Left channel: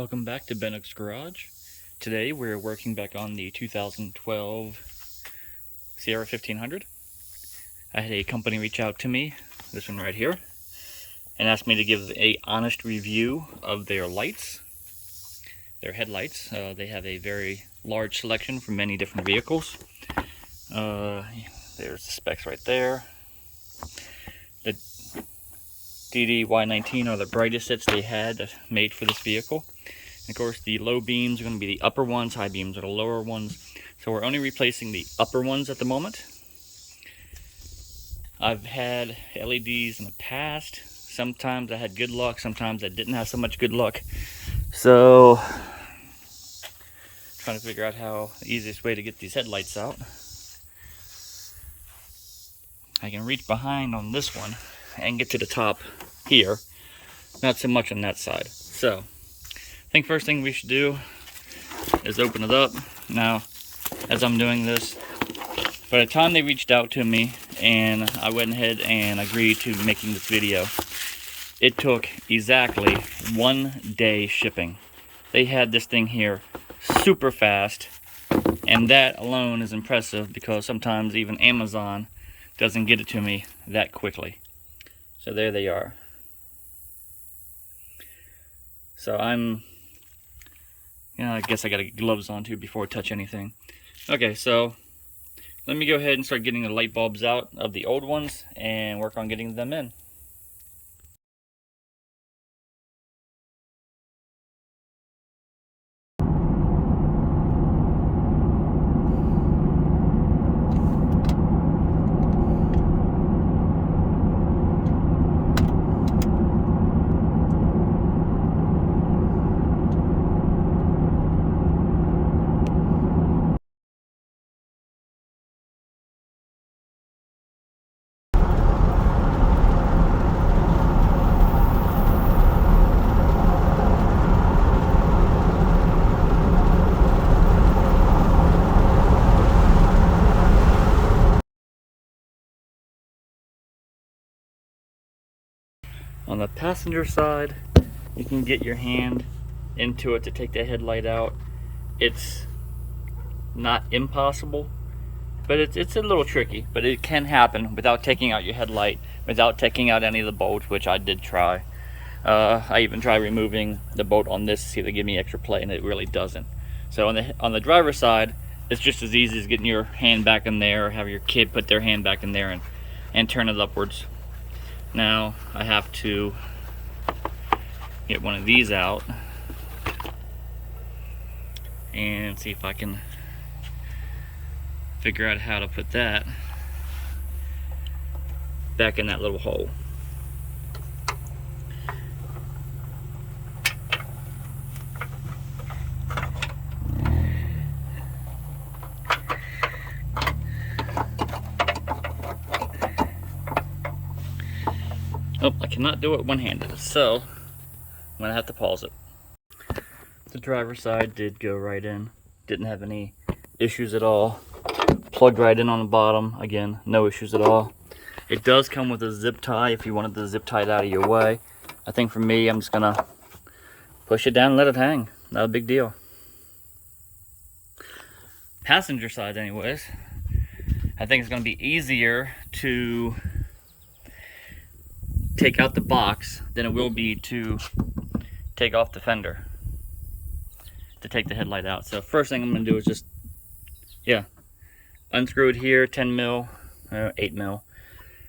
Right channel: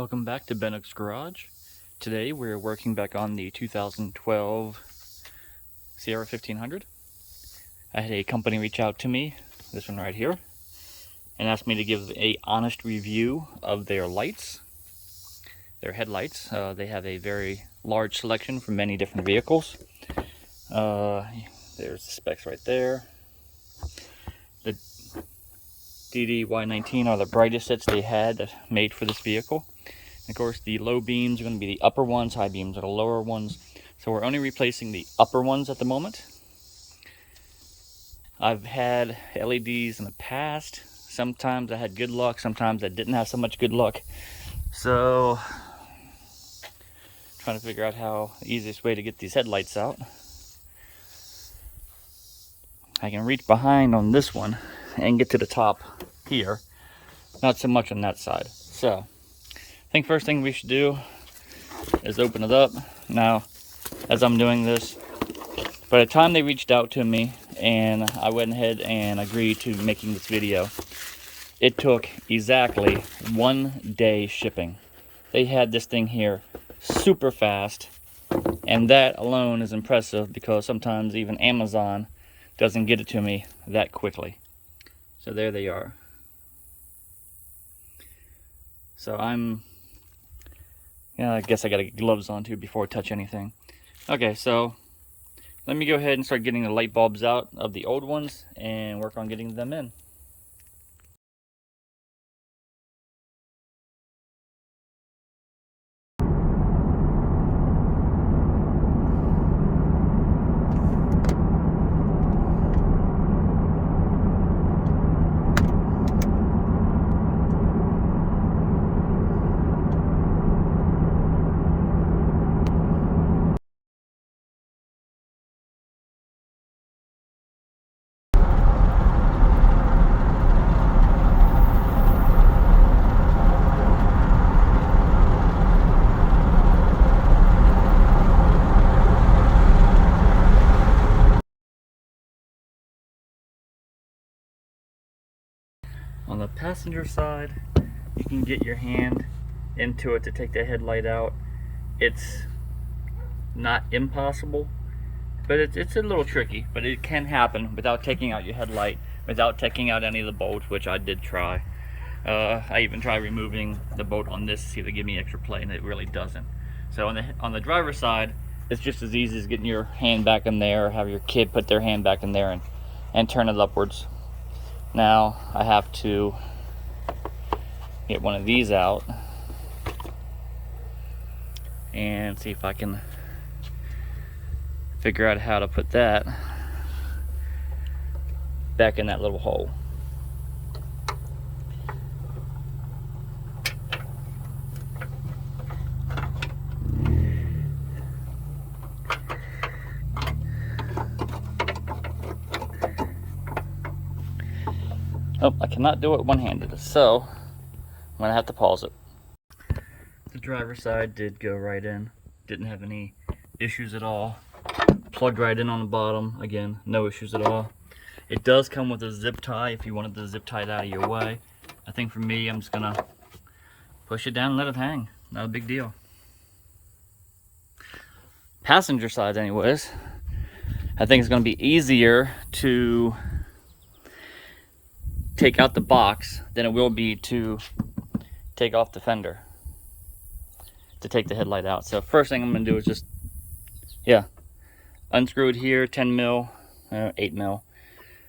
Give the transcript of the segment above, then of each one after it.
Welcome back to Bennock's Garage. Today we're working back on the 2012 Sierra 1500. I had a company reach out to me, this one right here, and asked me to give a honest review of their lights, their headlights. They have a very large selection from many different vehicles. There's the specs right there. The DD-Y19 are the brightest sets they had made for this vehicle. Of course, the low beams are going to be the upper ones, high beams are the lower ones. So we're only replacing the upper ones at the moment. I've had LEDs in the past. Sometimes I had good luck, sometimes I didn't have so much good luck. So, trying to figure out how the easiest way to get these headlights out. I can reach behind on this one and get to the top here. Not so much on that side. So, I think first thing we should do is open it up. Now, as I'm doing this, by the time they reached out to me and I went ahead and agreed to making this video, it took exactly 1 day shipping. They had this thing here super fast, and that alone is impressive because sometimes even Amazon doesn't get it to me that quickly. So there they are. So I guess I gotta get gloves on too before I touch anything. Okay, so let me go ahead and start getting the light bulbs out of the old ones and work on getting them in. On the passenger side, you can get your hand into it to take the headlight out. It's not impossible, but it's a little tricky, but it can happen without taking out your headlight, without taking out any of the bolts, which I did try. I even tried removing the bolt on this to see if they give me extra play, and it really doesn't. So on the driver's side, it's just as easy as getting your hand back in there, or have your kid put their hand back in there and turn it upwards. Now I have to get one of these out and see if I can figure out how to put that back in that little hole. Oh, I cannot do it one-handed, so I'm gonna have to pause it. The driver's side did go right in, didn't have any issues at all. Plugged right in on the bottom, again, no issues at all. It does come with a zip tie if you wanted to zip tie it out of your way. I think for me, I'm just gonna push it down and let it hang. Not a big deal. Passenger side anyways, I think it's gonna be easier to take out the box than it will be to take off the fender to take the headlight out. So first thing I'm gonna do is just unscrew it here, 10 mil, 8 mil.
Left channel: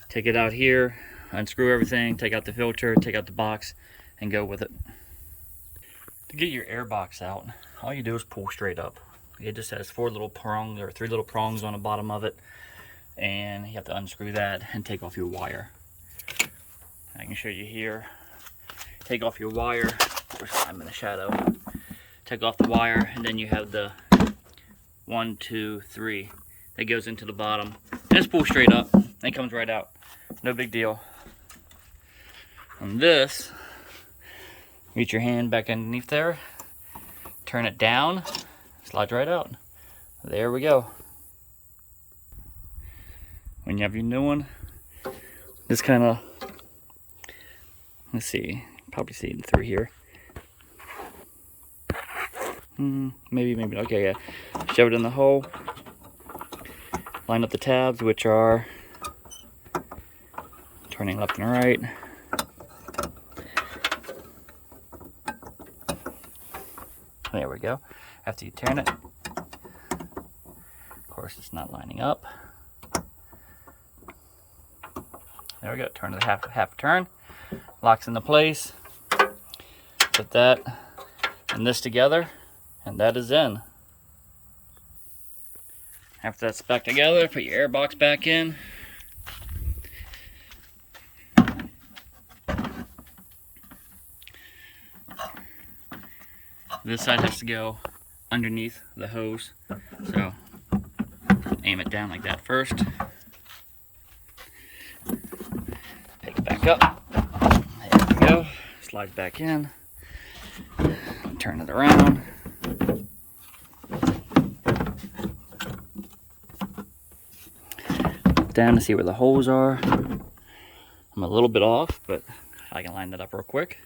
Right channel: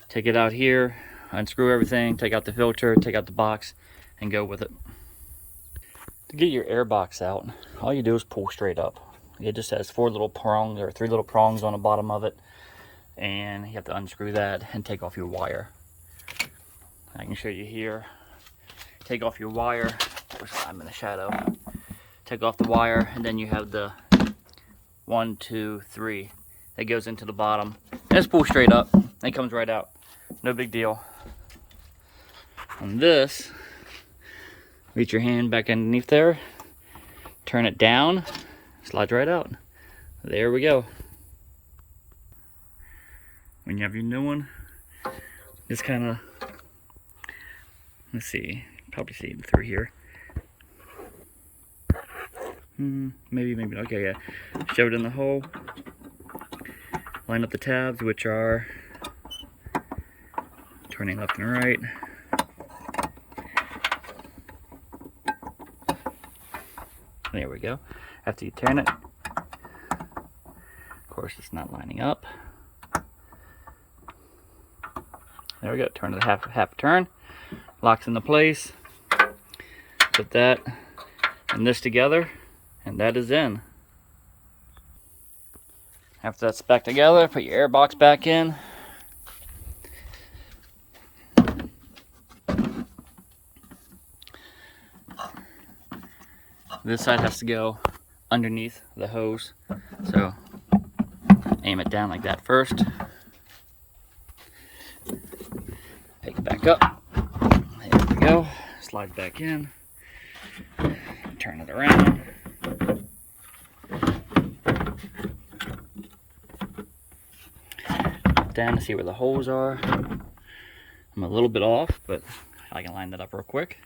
Take it out here, unscrew everything, take out the filter, take out the box, and go with it. To get your air box out, all you do is pull straight up. It just has 4 little prongs or 3 little prongs on the bottom of it, and you have to unscrew that and take off your wire. I can show you here. Take off your wire. Of course, I'm in the shadow. Take off the wire, and then you have the 1, 2, 3 that goes into the bottom. And just pull straight up. And it comes right out. No big deal. On this, reach your hand back underneath there. Turn it down. Slides right out. There we go. When you have your new one, just kind of, let's see, probably see it through here. Maybe, okay, yeah. Shove it in the hole. Line up the tabs, which are turning left and right. There we go. After you turn it, of course it's not lining up. There we go, turn it half turn, locks into place. Put that and this together, and that is in. After that's back together, put your air box back in. This side has to go underneath the hose, so aim it down like that first. Take it back up. There we go. Slide back in. Turn it around. Down to see where the holes are. I'm a little bit off, but I can line that up real quick.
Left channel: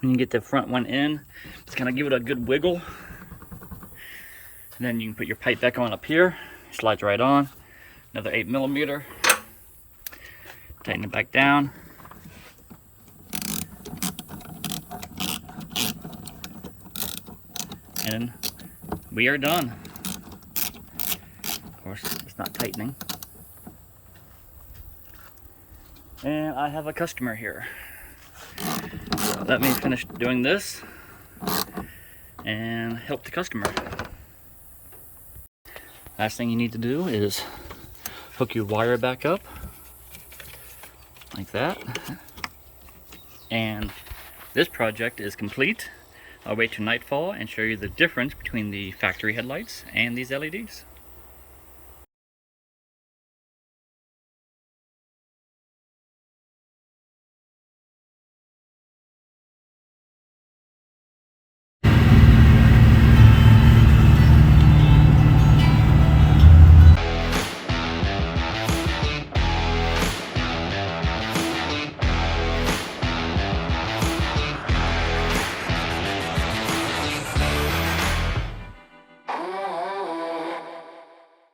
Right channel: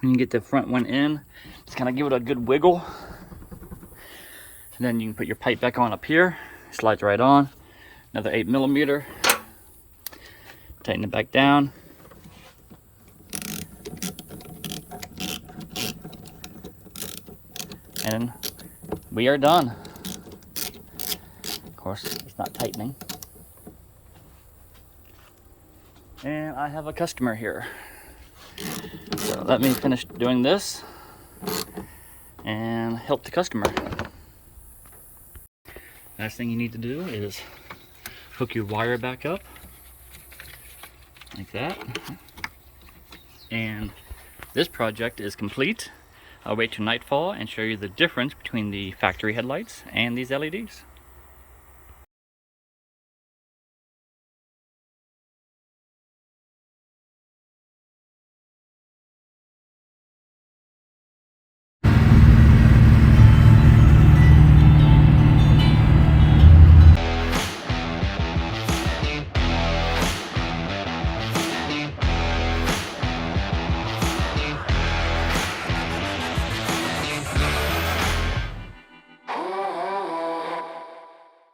When you get the front one in, just kind of give it a good wiggle. And then you can put your pipe back on up here. Slides right on. Another 8mm. Tighten it back down. And we are done. Of course, it's not tightening. And I have a customer here. So let me finish doing this and help the customer. Last thing you need to do is hook your wire back up like that. And this project is complete. I'll wait till nightfall and show you the difference between the factory headlights and these LEDs.